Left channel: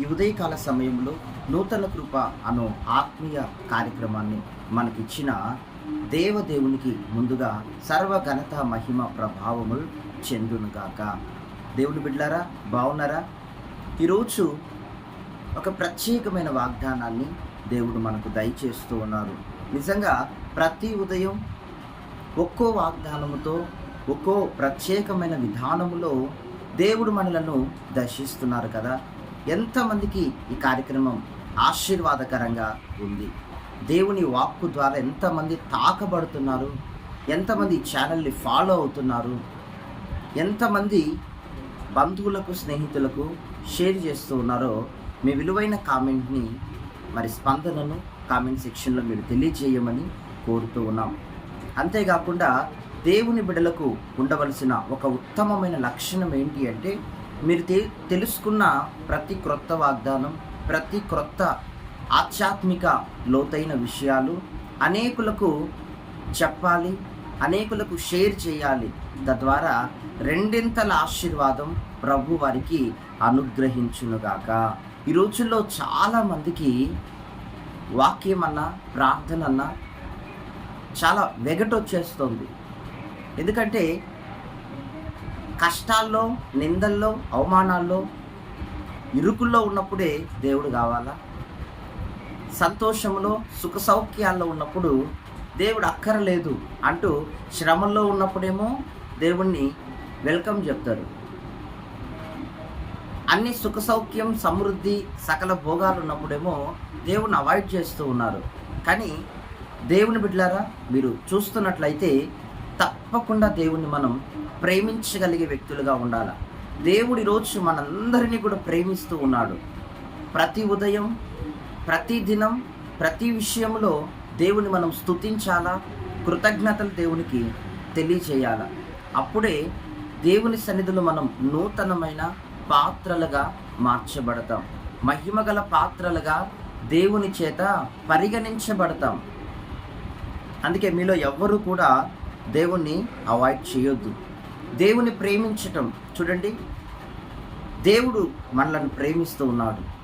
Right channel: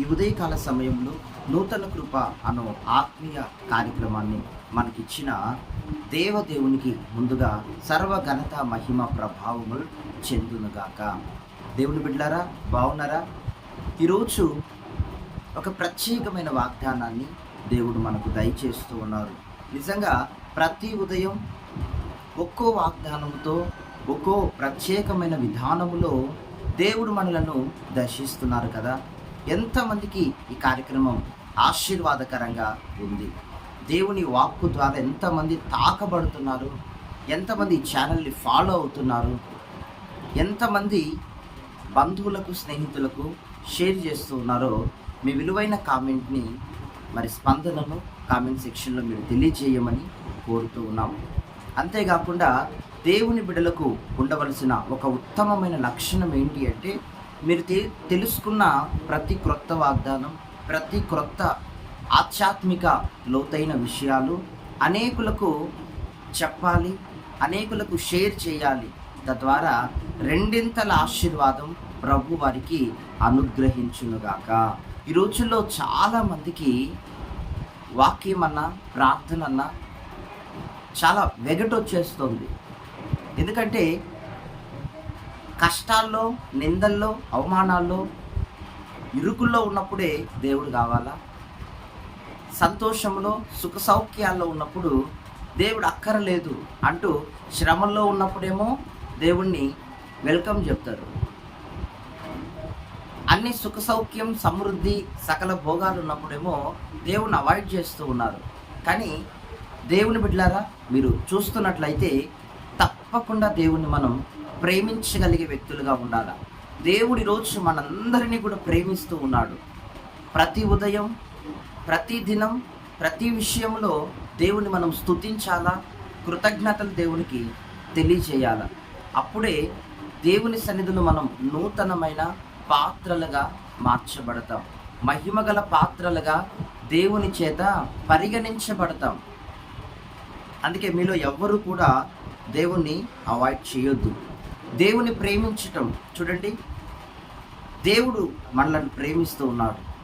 ఈ ఉదయకాల సమయంలో నూతన కృప అను ఆత్మీయ కార్యక్రమాన్ని మనకిచ్చిన దేవదేవునికి ముందుగా సర్వ ఘనత మహిమ ప్రభావములు చెందునుగాక. దేవుని బిడ్డారా బాగున్నారా ఈరోజు ఒక ప్రత్యేకమైన వాగ్దానాన్ని దేవుడు మనకు దయచేస్తూ ఉన్నారు. నిజంగా ప్రతి ఉదయం ఒక్కో వాగ్దానముతో ఒక్కో ప్రత్యేకమైన విధానములో దేవుడు మనలను దర్శిస్తున్నారు కదా. ఎంతమందికి ఈ కార్యక్రమం ఆశీర్వాదకరంగా ఉంది? దేవుని వాక్కు ద్వారా ఎంతమంది తాకబడుతున్నారు? ఎంతమంది ఛానల్ని ఫాలో అవుతున్నారు? ఎంతమంది బంధువులకు స్నేహితులకు షేర్ చేస్తూ ఉన్నారో మీ విలువైన కామెంట్ని మరి స్పందనను కామెంట్ సెక్షన్లో మీరు తెలియజేయమని కోరుతూ ఉన్నాం. అంతేకాకుండా దేవుని బిడలకు ఉండవలసిన ఒక ఉత్తమమైన లక్షణం ఏంటి అంటే మీరు తె తెలుసుకున్న ప్రతి క్రొత్త వాగ్దానం ప్రతి క్రొత్త ఆధ్యాత్మిక లోతైన విషయాలు అనేకులకు చెప్పాలి అనేకులకు షేర్ చేయాలి. తద్వారా రెండింతల ఆశీర్వాదం ప్రభు వారికి అనుగ్రహించునుగాక. ఈ రోజుల్లో చాలామందికి వాక్యం అన్నా ప్రార్థన అన్నా చాలా వెగటొచ్చేస్తుంది. ఎందుకంటే కష్టాల్లో నిందల్లో అవమానాల్లో ఇరుకుల్లో ఉన్నప్పుడే దేవుడు కావాలా? సంతోషంలో సుఖ సౌఖ్యాల్లో ఉన్నప్పుడు దేవుడు అక్కరలేదు అంటూ శ్రమంలో ఉన్నప్పుడేమో దేవుణ్ణి వెల్కమ్ చెప్తారు. అన్ని సుఖ సౌఖ్యం సమృద్ధి సకల భోగాలు ఉన్నప్పుడేమో దేవుణ్ణి అవాయిడ్ చేస్తూ ఉన్నారు. కానీ దేవుని బిడ్డలారా మీరు చూస్తున్నట్లయితే తప్పకుండా దేవుణ్ణి మనం ప్రేమించగలిగే వ్యక్తులుగా ఉండాలి. దేవుడి రోజు మనందరినీ కూడా ప్రేమిస్తూ ఉన్నాడు. ప్రతి ఉదయం ప్రతి దినం ప్రతి విషయంలో దేవుని మనం స్తుతించాలా? కృతజ్ఞతలు దేవునికి తెలియజేయాలా. అప్పుడే దేవుని సన్నిధిలో మనం నూతనమైన పాత్రలుగా మార్చబడతాం. మహిమగల పాత్రలుగా దేవుని చేత పరిగణించబడతాం. అందుకే మీలో ఎవ్వరూ కూడా దేవుణ్ణి అవాయిడ్ చేయొద్దు. దేవుని ప్రేమించటం. చూడండి. దేవుడు మనలను ప్రేమిస్తూ ఉన్నాడు.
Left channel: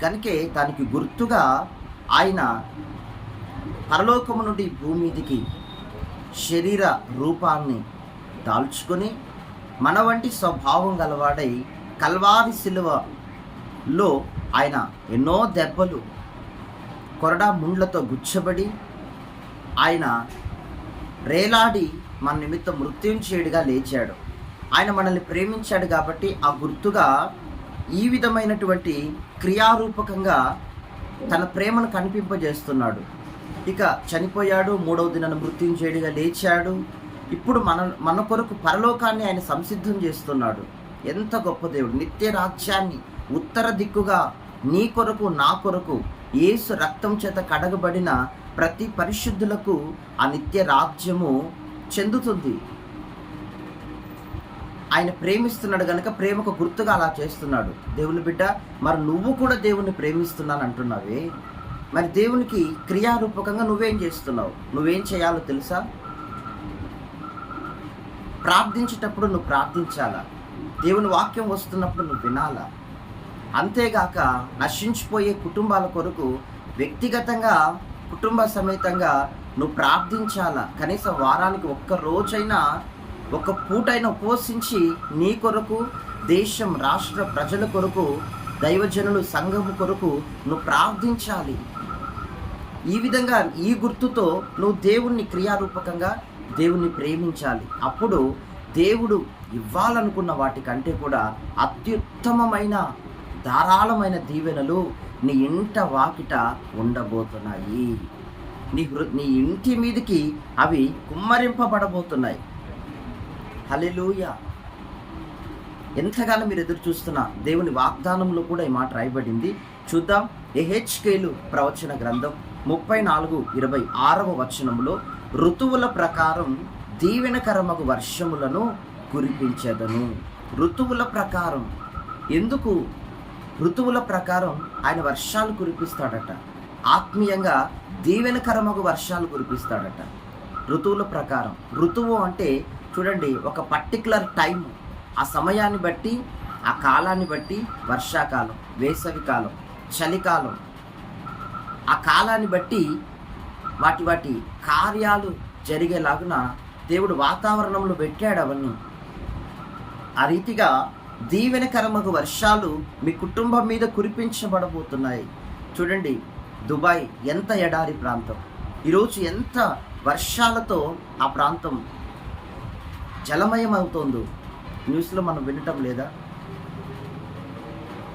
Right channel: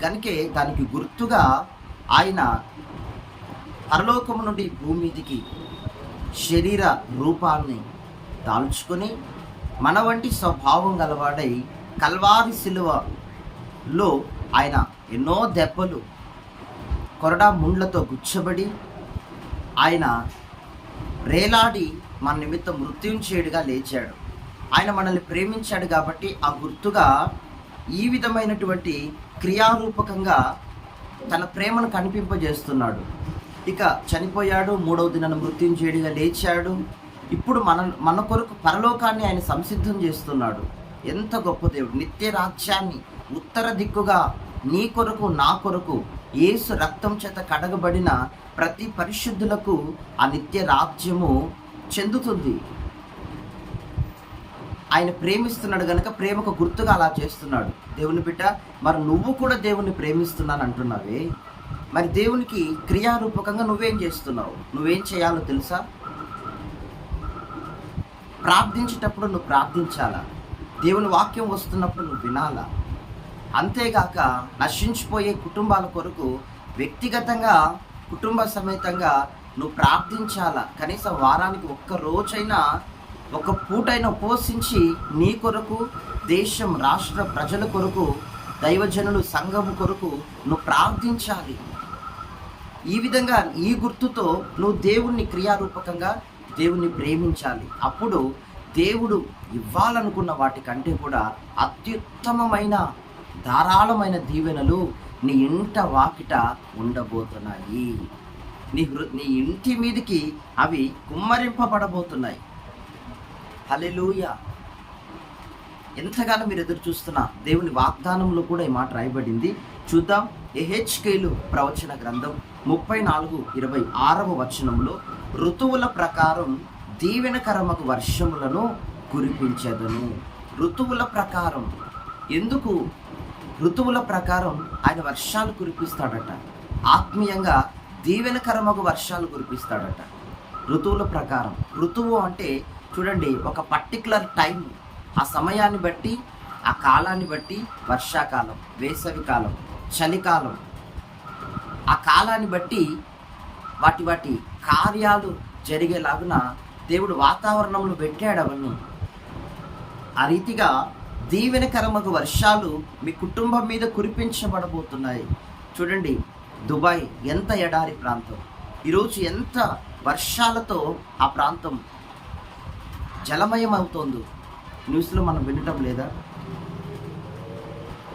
కనుకే దానికి గుర్తుగా ఆయన పరలోకము నుండి భూమిదికి శరీర రూపాన్ని దాల్చుకొని మన వంటి స్వభావం గలవాడై కల్వారి శిలువలో ఆయన ఎన్నో దెబ్బలు కొరడా ముండ్లతో గుచ్చబడి ఆయన రేలాడి మన నిమిత్తం మృత్యుంచేయుడిగా లేచాడు. ఆయన మనల్ని ప్రేమించాడు కాబట్టి ఆ గుర్తుగా ఈ విధమైనటువంటి క్రియారూపకంగా తన ప్రేమను కనిపింపజేస్తున్నాడు. ఇక చనిపోయాడు మూడవ దినాన్ని మృత్యుంచేయుడిగా లేచాడు. ఇప్పుడు మన మన కొరకు పరలోకాన్ని ఆయన సంసిద్ధం చేస్తున్నాడు. ఎంత గొప్ప దేవుడు. నిత్య రాజ్యాన్ని ఉత్తర దిక్కుగా నీ కొరకు నా కొరకు ఏసు రక్తం చేత కడగబడిన ప్రతి పరిశుద్ధులకు ఆ నిత్య రాజ్యము చెందుతుంది. ఆయన ప్రేమిస్తున్నాడు కనుక ప్రేమకు గుర్తుగా అలా చేస్తున్నాడు. దేవుని బిడ్డ మరి నువ్వు కూడా దేవుని ప్రేమిస్తున్నాను అంటున్నావే? మరి దేవునికి క్రియారూపకంగా నువ్వేం చేస్తున్నావు? నువ్వేం చేయాలో తెలుసా? ప్రార్థించేటప్పుడు నువ్వు ప్రార్థించాలా? దేవుని వాక్యం వస్తున్నప్పుడు నువ్వు వినాలా? అంతేగాక నశించిపోయే కుటుంబాల కొరకు వ్యక్తిగతంగా కుటుంబ సమేతంగా నువ్వు ప్రార్థించాలా? కనీసం వారానికి ఒక్క రోజైనా ఒక పూటైనా ఉపవసించి నీ కొరకు దేశం రాష్ట్ర ప్రజల కొరకు దైవజనులు సంఘము కొరకు నువ్వు ప్రార్థించాలి. ఈ విధంగా ఈ గుర్తుతో నువ్వు దేవుణ్ణి క్రియారూపకంగా దేవుణ్ణి ప్రేమించాలి. అప్పుడు దేవుడు ఇవ్వాలనుకున్న వాటికంటే కూడా అత్యుత్తమమైన ధారాళమైన దీవెనలు నీ ఇంట వాకిట ఉండబోతున్నాయి. నీ హృ నీ ఇంటి మీదకి అవి కుమ్మరింపబడబోతున్నాయి. హలెలూయ ఎంతగానో మీరు ఎదురు చూస్తున్న దేవుని వాగ్దానంలో కూడా ఈ మాట రాయబడింది. చూద్దాం. ఎహెచ్కేలు ప్రవచన గ్రంథం ముప్పై నాలుగు ఇరవై ఆరవ వచనంలో ఋతువుల ప్రకారం దీవెనకరమకు వర్షములను కురిపించేదను. ఋతువుల ప్రకారం. ఎందుకు? ఋతువుల ప్రకారం ఆయన వర్షాలు కురిపిస్తాడట. ఆత్మీయంగా దీవెనకరమగు వర్షాలు కురిపిస్తాడట. ఋతువుల ప్రకారం. ఋతువు అంటే చూడండి ఒక పర్టికులర్ టైం ఆ సమయాన్ని బట్టి ఆ కాలాన్ని బట్టి వర్షాకాలం వేసవి కాలం చలికాలం. ఆ కాలాన్ని బట్టి వాటి వాటి కార్యాలు జరిగేలాగున దేవుడు వాతావరణంలో పెట్టాడు అవన్నీ. ఆ రీతిగా దీవెనకరమగు వర్షాలు మీ కుటుంబం మీద కురిపించబడబోతున్నాయి. చూడండి దుబాయ్ ఎంత ఎడారి ప్రాంతం? ఈరోజు ఎంత వర్షాలతో ఆ ప్రాంతం జలమయం అవుతోందో న్యూస్లో మనం వినటం లేదా?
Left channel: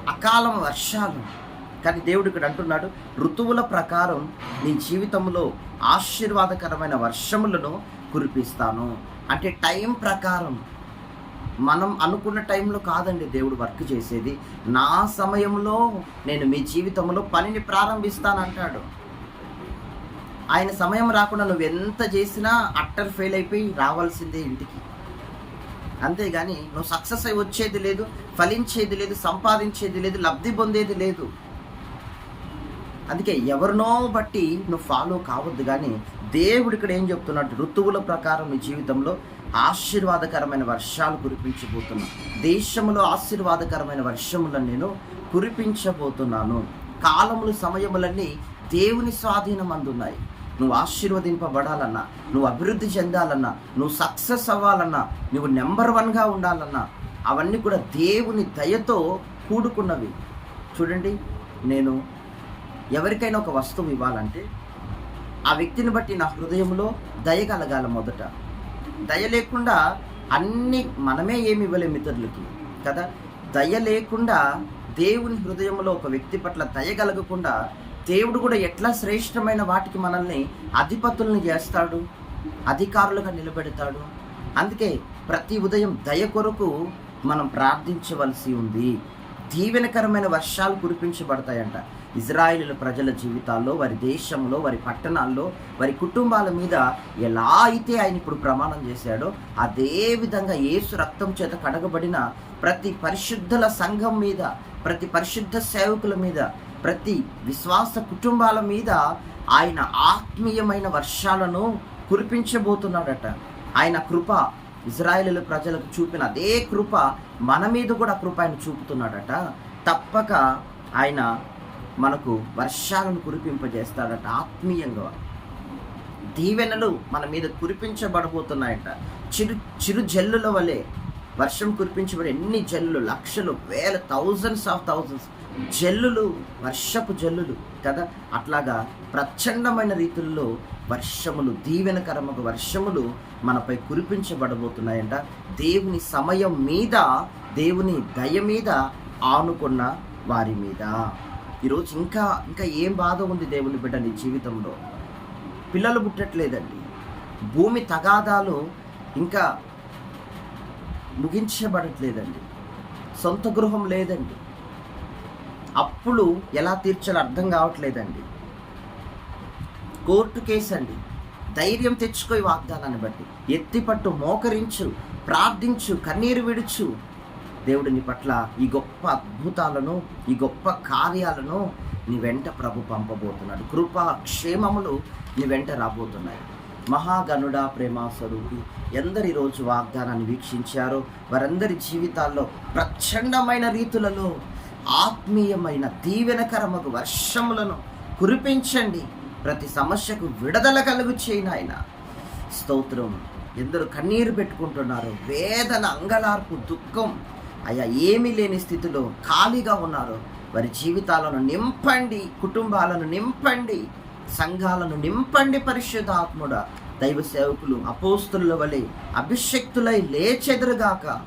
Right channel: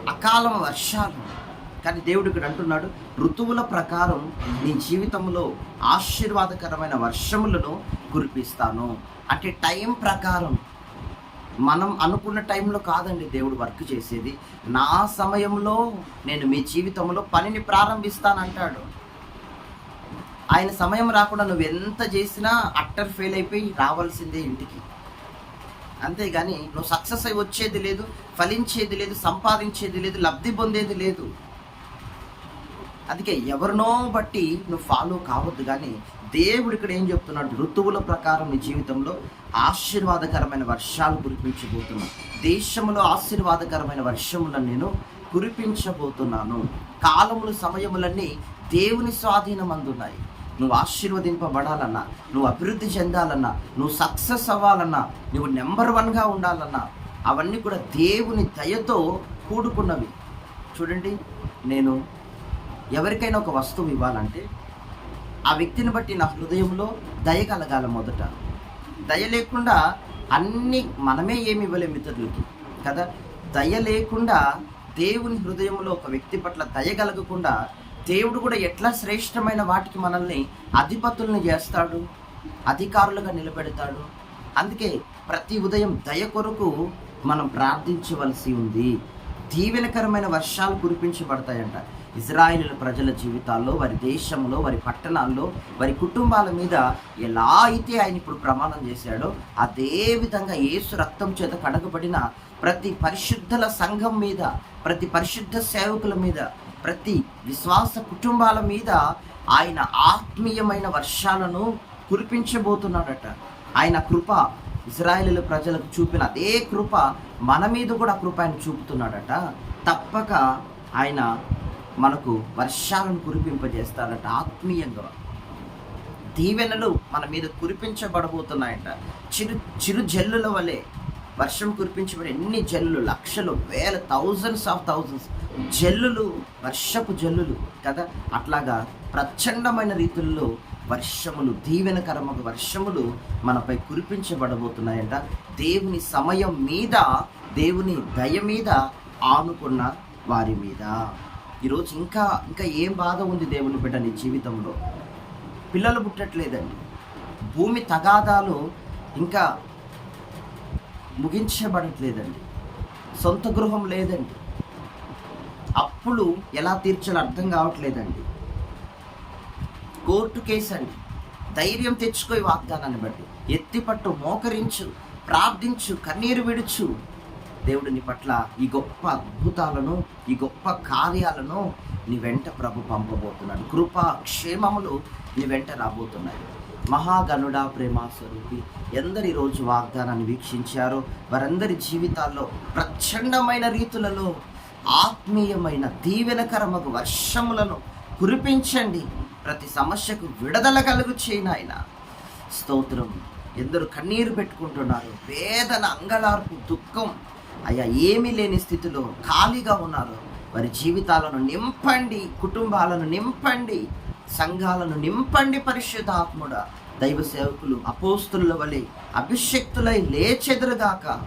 అకాలం వర్షాలు. కానీ దేవుడు ఇక్కడ అంటున్నాడు ఋతువుల ప్రకారం నీ జీవితంలో ఆశీర్వాదకరమైన వర్షములను కురిపిస్తాను. అంటే టైం ప్రకారం మనం అనుకున్న టైంలో కాదండి దేవుడు వర్క్ చేసేది. నా సమయంలో నేను మీ జీవితంలో పనిని ప్రారంభిస్తానంటాడు. ఆయన సమయం రాకుండా నువ్వు ఎంత చేసినా అట్టర్ ఫెయిల్ అయిపోయి రావాల్సిందే ఇంటికి. అంతేగాని నువ్వు సక్సెస్ అయి వచ్చేది లేదు ఫలించేది లేదు సంపాదించేది లేదు లబ్ధి పొందేది లేదు. అందుకే ఎవరినో బట్టి నువ్వు ఫాలో కావద్దు కానీ దేవుడు ఇక్కడ ఏం చెప్తున్నాడు? ఋతువుల ప్రకారం నీ జీవితంలో ఆశీర్వాదకరమైన వర్షాలు కురిపించబోతున్నా దేశంలో ఆశీర్వాదకరమైన వర్షములను నేను కురిపించబోతున్నాను. కాలములు సమయములన్నీ దేవుని స్వాధీనం అందున్నాయి నువ్వు ఆశీర్వదింపబడాలన్నా నువ్వు అభివృద్ధి చెందాలన్నా నువ్వు సక్సెస్ అవ్వాలన్నా నువ్వు నెంబర్ వన్గా ఉండాలన్నా అవన్నీ కూడా దేవుని దయతో కూడుకున్నవి. చూడండి నేను ఎవరికైనా ఒక వస్తువు ఇవ్వాలంటే ఆ వ్యక్తిని బట్టి నా హృదయంలో దయ కలగాల మొదట. దయ లేకుండా అన్ని మనమే ఏమి ఇవ్వలేము ఇతరులకి కదా? దయ లేకుండా దేవుని హృదయంలో ఒక వ్యక్తి పట్ల దయ కలగకుండా దేవుడు కూడా ఎట్లా శ్రేష్టమైన వాటికి మనల్ని అధిపతుల్ని చేస్తాడు? అధికారులుగా నిలబెడతాడు? అందుకే ప్రతి ఉదయం దయ కొరకు మనం ప్రార్థించవలసి ఉంది. దీవెనకరమైన వర్షాలు కురిపించబడతాయంట. ఇజ్రాయిల్ ప్రజల జీవితాల్లో వారి దేశంలో వారి పట్టణాల్లో వారి కుటుంబాల మీద ఎలా అయితే ఆయన ఇప్పుడు ప్రమాణం చేశాడో అదే విధంగా ఏసు రక్తం చేత కడగబడిన ప్రతి పరిశుద్ధుల సంఘం మీద ప్రతి పరిశుద్ధ సేవకుల మీద ప్రతి విశ్వాస కుటుంబాల మీద ఆయన ఆత్మీయమైన వర్షాలను కురిపించబోతున్నాడట. ఆయన కృప ఇజ్రాయేల్ ప్రజలకు చూపిన అదే కృప మన మీద కూడా కృప ఆయన చూపుతున్నాడట. తప్పక ఆయన మనకు వర్షాలను కురిపింపజేస్తాడట ఆత్మీయంగా. దీవెనలు మన మీద కురిపించబడబోతున్నాయంట. చిరు చిరు జల్లుల వలె వర్షం కురిపించబడి ఎన్ని జల్లులు లక్షలు వేల థౌజండ్స్ ఆఫ్ థౌజండ్స్ జల్లులు వర్షపు జల్లులు కదా? అట్లాగా ప్రచండమైన రీతుల్లో వర్షములు దీవెనకరమకు వర్షములు మనపై కురిపించబడబోతున్నాయంట. దేవుని సమయం మీద దేవుని దయ మీద ఆనుకున్న వారి మీద. ఈరోజు ఇంకా ఇంకా ఏం బాధ ఉంది దేవుని బిడ్డ నీ జీవితంలో? పిల్లలు పుట్టట్లేదండి. భూమి తగాదాలు ఇంకా ముగించబడట్లేదండి. సొంత గృహం లేదండి. అప్పులు ఎలా తీర్చాలో అర్థం కావట్లేదండి. కోర్టు కేసు అండి ధైర్యం తెచ్చుకో వాగ్దానాన్ని బట్టి. ఎత్తిపట్టు మోకరించు ప్రార్థించు కన్నీరు విడుచు దేవుడు నీ పట్ల ఈ గొప్ప అద్భుతాలను ఈ గొప్ప కార్యాలను నీ వెంట ప్రభు పంపబోతున్నాడు. కృపా క్షేమములు నీ వెంట రాబోతున్నాయి. మహాగనుడ ప్రేమ స్వరూపి ఎందరి రోజు వాగ్దానాన్ని వీక్షించారో వారందరి జీవితాల్లో ప్రచండమైన రీతులలో ఆత్మీయమైన దీవెనకరమకు వర్షములను కురిపించండి. ప్రతి సమస్యకు విడుదల కలుగు చేయను ఆయన స్తోత్రం. ఎందరు కన్నీరు పెట్టుకుంటున్నారు. వేదన అంగలార్పు దుఃఖం అయ్యా ఏమీ లేని స్థితిలో ఖాళీగా ఉన్నారు. వారి జీవితాలను నింపండి కుటుంబాలను నింపండి సంఘాలను నింపండి పరిశుద్ధాత్ముడ. దైవ సేవకులు అపోస్తుల వలె అభిషక్తులై లేచెదరుగాక.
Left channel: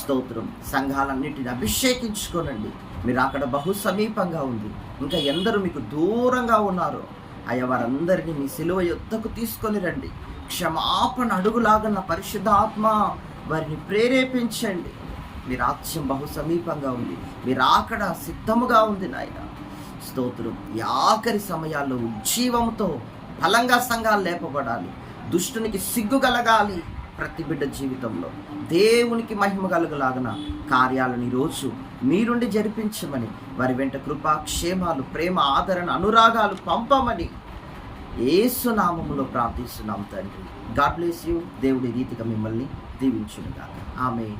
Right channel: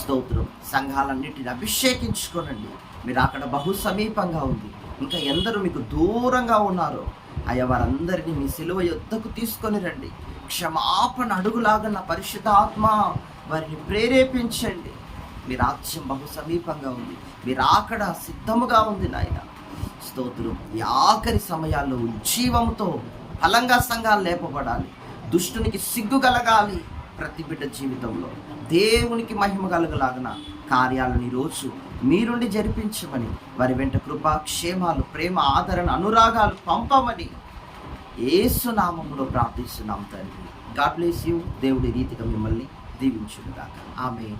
స్తోత్రం. సంఘాలన్నిటిని అభిషేకించుకోనండి. మీరు అక్కడ బహు సమీపంగా ఉంది. ఇంకా ఎందరు మీకు దూరంగా ఉన్నారో. అయ్యా వారందరినీ మీ సిలువ యొద్దకు తీసుకొని రండి. క్షమాపణ అడుగులాగన్న పరిశుద్ధాత్మ వారిని ప్రేరేపించండి. మీ రాజ్యం బహు సమీపంగా ఉంది. మీరు ఆకడ సిద్ధముగా ఉంది నాయన. స్తోత్రం. ఈ ఆఖరి సమయాల్లో ఉజ్జీవంతో బలంగా సంఘాలు లేపబడాలి. దుష్టునికి సిగ్గు కలగాలి ప్రతి బిడ్డ జీవితంలో. దేవునికి మహిమ కలగలాగన కార్యాలను ఈరోజు మీరుండి జరిపించమని వారి వెంట కృపా క్షేమాలు ప్రేమ ఆదరణ అనురాగాలు పంపమని ఏసునామంలో ప్రార్థిస్తున్నాం తండ్రి. God bless you. దేవుడి రీతిగా మిమ్మల్ని దీవించునుగాక. ఆమె